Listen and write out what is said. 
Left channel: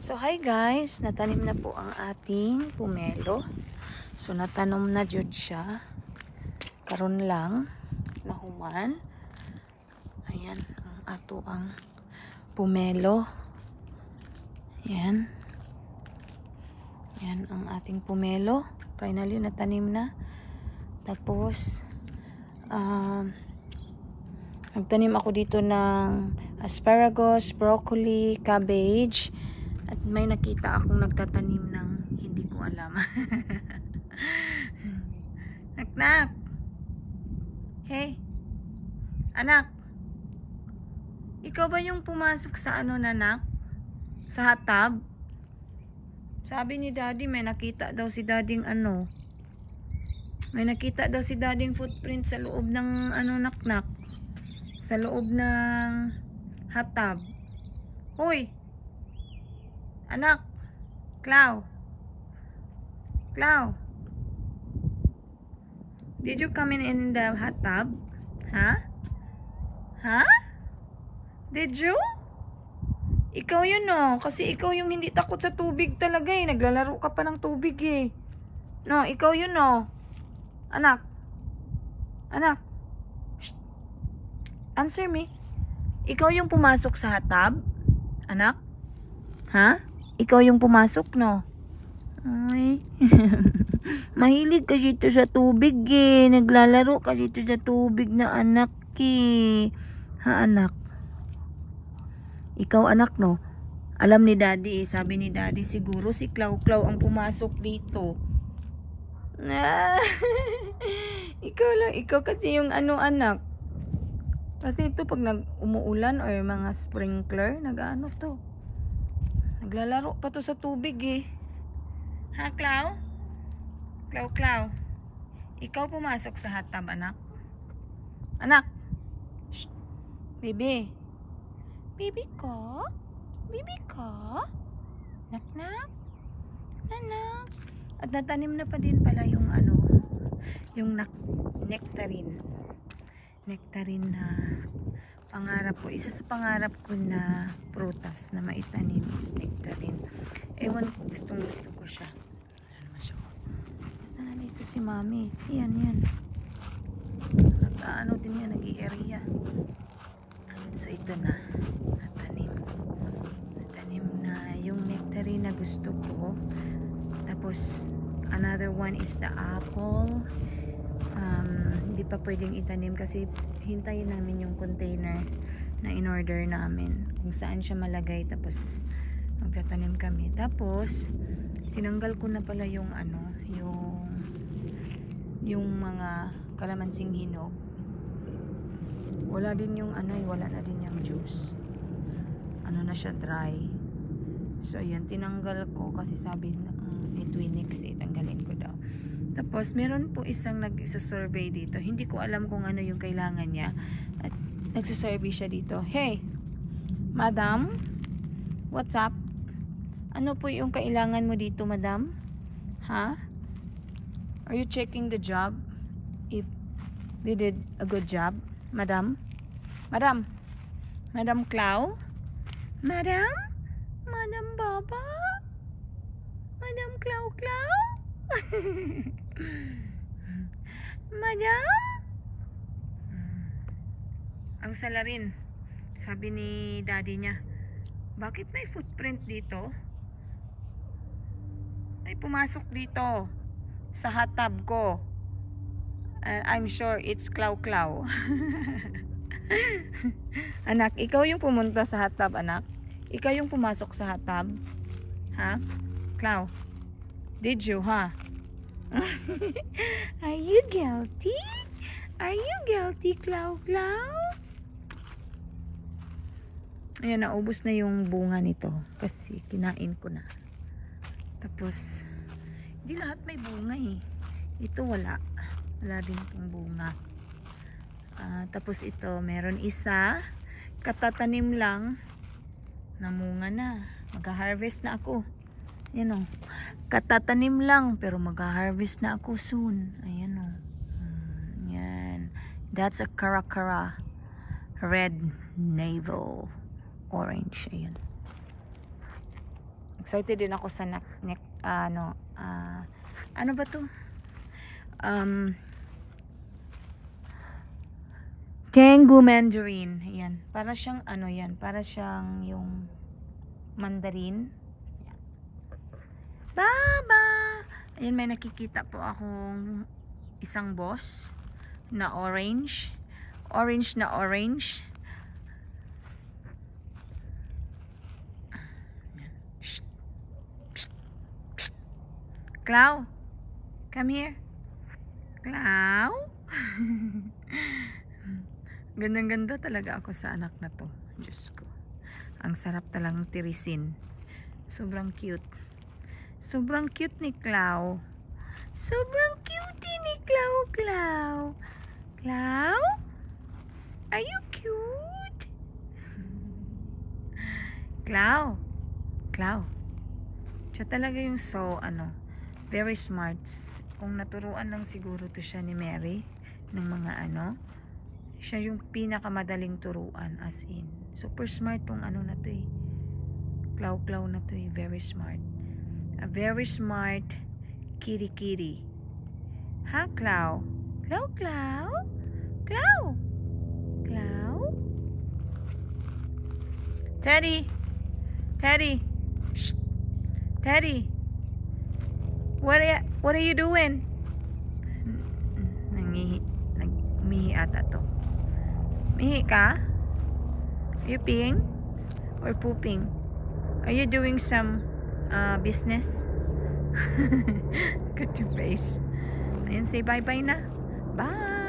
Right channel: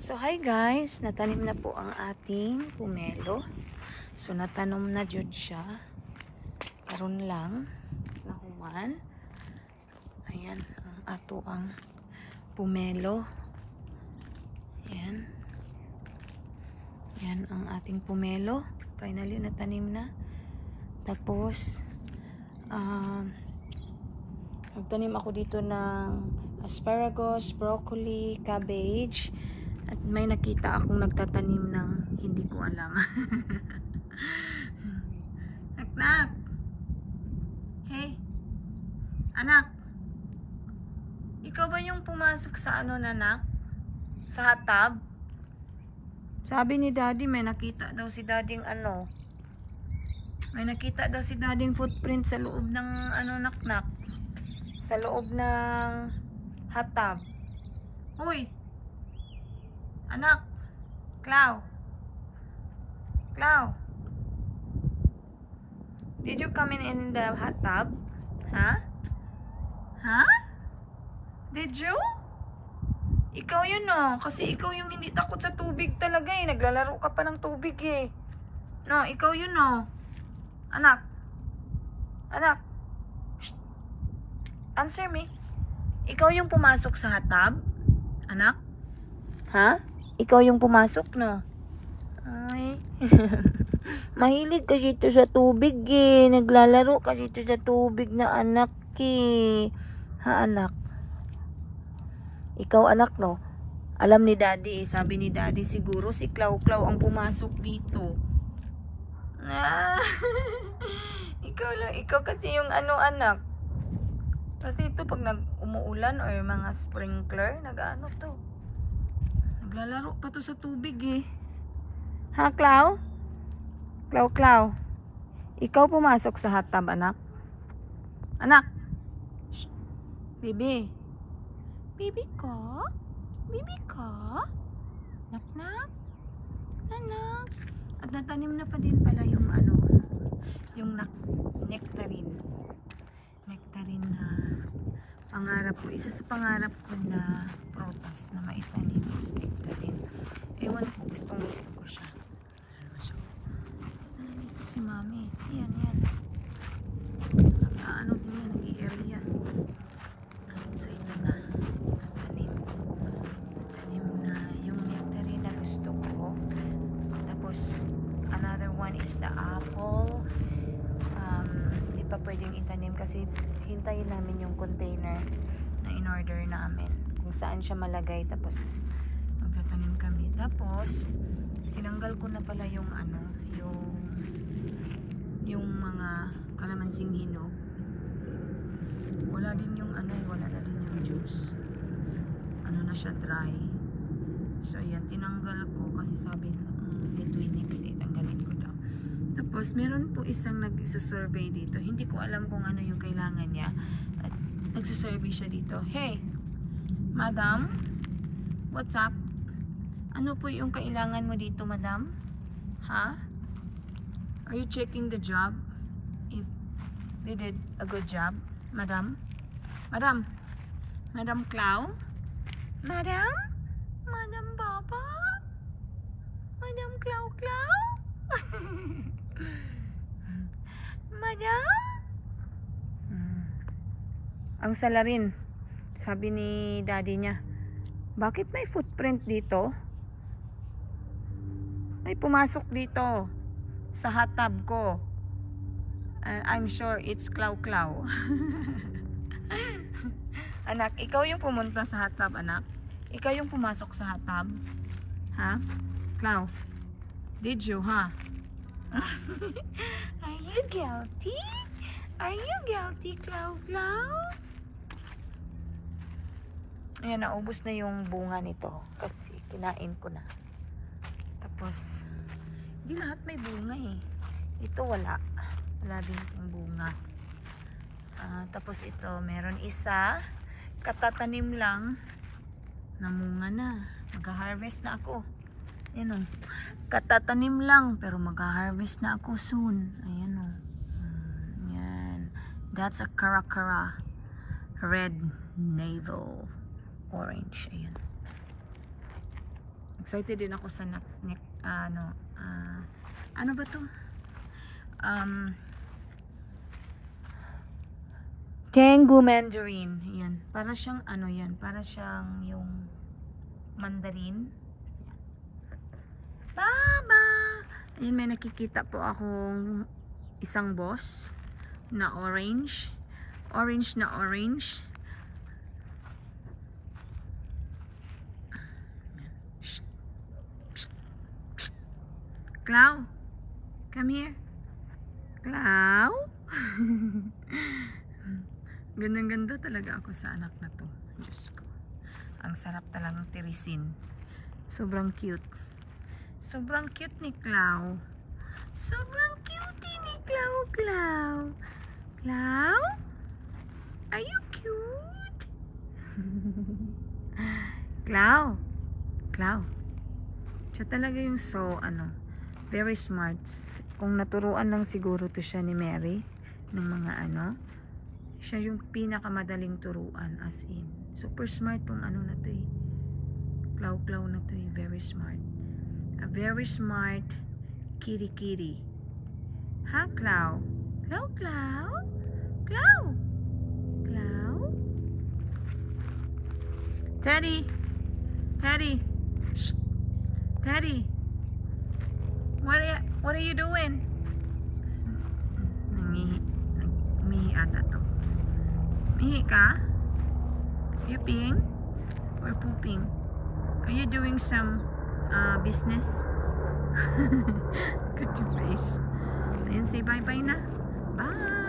So hi guys, natanim na po ang ating pumelo. So natanom na jud siya. Karon lang mahuman. Ayan ang ato ang pumelo. Ayan. Ayan ang ating pumelo. Finally natanim na. Tapos nagtanim ako dito ng asparagus, broccoli, cabbage. At may nakita akong nagtatanim ng hindi ko alam. Nak-nak! Hey! Anak! Ikaw ba yung pumasok sa ano, nanak? Sa hatab? Sabi ni daddy may nakita daw si dading ano. May nakita daw si dading footprint sa loob ng ano, nak-nak. Sa loob ng hatab. Hoy! Anak, Clau. Clau. Did you come in the hot tub? Huh? Huh? Did you? Ikaw yun no. Kasi ikaw yung hindi takot sa tubig talaga eh. Naglalaro ka pa ng tubig eh. No, ikaw yun no. Anak. Anak. Shh. Answer me. Ikaw yung pumasok sa hot tub? Anak? Ha? Ikaw yung pumasok, no? Ay. Mahilig ka dito sa tubig, eh. Naglalaro ka dito sa tubig na anak, eh. Ha, anak? Ikaw, anak, no? Alam ni daddy, eh. Sabi ni daddy, siguro si Clau-Clau ang pumasok dito. Ah. Ikaw lang. Ikaw kasi yung ano, anak. Kasi ito, pag umuulan or mga sprinkler, nag-ano to. Naglalaro pa to sa tubig eh. Ha, Clau? Clau. Ikaw pumasok sa hot tub, anak? Anak! Shh! Baby! Baby ko? Baby ko? Nak-nak? Anak? At natanim na pa din pala yung ano, yung nectarine. Nectarine na pangarap ko. Isa sa pangarap ko na prutas na maitanim is nectarine. Ewan ko, gusto ko siya. Ano siya? Kasi nandito si mami. Yan. Ano din yan, nag-i-area. So ito na. Natanim na yung nectarine na gusto ko. Tapos, another one is the apple. Hindi pa pwedeng itanim kasi hintayin namin yung container na in-order namin kung saan siya malagay, tapos magtatanim kami. Tapos tinanggal ko na pala yung ano, yung mga kalamansing hinog. Wala din yung ano, wala na din yung juice. Ano na siya, dry. So ayan, tinanggal ko kasi sabi it will mix it, tanggalin ko daw. Tapos meron po isang nag-survey dito. Hindi ko alam kung ano yung kailangan niya. At nagsusurvey siya dito. Hey, madam, what's up? Ano po yung kailangan mo dito, madam? Ha? Are you checking the job? If you did a good job, madam? Madam? Madam Clau? Madam? Madam Baba? Madam Clau? Madam? Ang salarin, sabi ni daddy niya, bakit may footprint dito? May pumasok dito sa hot tub ko. And I'm sure it's Clau-Clau. Anak, ikaw yung pumunta sa hot tub, anak? Ikaw yung pumasok sa hot tub? Ha? Clau? Did you, ha? Are you guilty? Are you guilty, Clau-Clau? Ayan, naubos na yung bunga nito kasi kinain ko na. Tapos hindi lahat may bunga eh. Ito wala din itong bunga. Tapos ito meron isa, katatanim lang, namunga na. Mag-harvest na ako. Yan o, katatanim lang pero mag-harvest na ako soon. Ayan o. Yan, that's a Caracara red navel orange. Ayan. Excited din ako sa ano ba to? Kangoo mandarin. Ayan. Para siyang ano yan. Para siyang yung mandarin. Ayan. Baba! Ayan, may nakikita po akong isang boss na orange. Orange na orange. Shh. Shh. Shh. Clau, come here. Clau? Gandang-ganda talaga ako sa anak na to. Diyos ko. Ang sarap talagang tirisin. Sobrang cute. Sobrang cute ni Clau. Sobrang cute ni Clau. Clau? Clau? Are you cute? Clau? Clau? Siya talaga yung very smart. Kung naturuan lang siguro to siya ni Mary ng mga siya yung pinakamadaling turuan, as in. Super smart tong na to eh. Clau na to eh. Very smart. A very smart kitty. Ha, Clau? Clau? Clau? Teddy! Shh. Teddy! What are you doing? Umihi ata to. Mihi ka? Are you peeing? Or pooping? Are you doing some business? Look at your face. Ayan, say bye-bye na. Bye!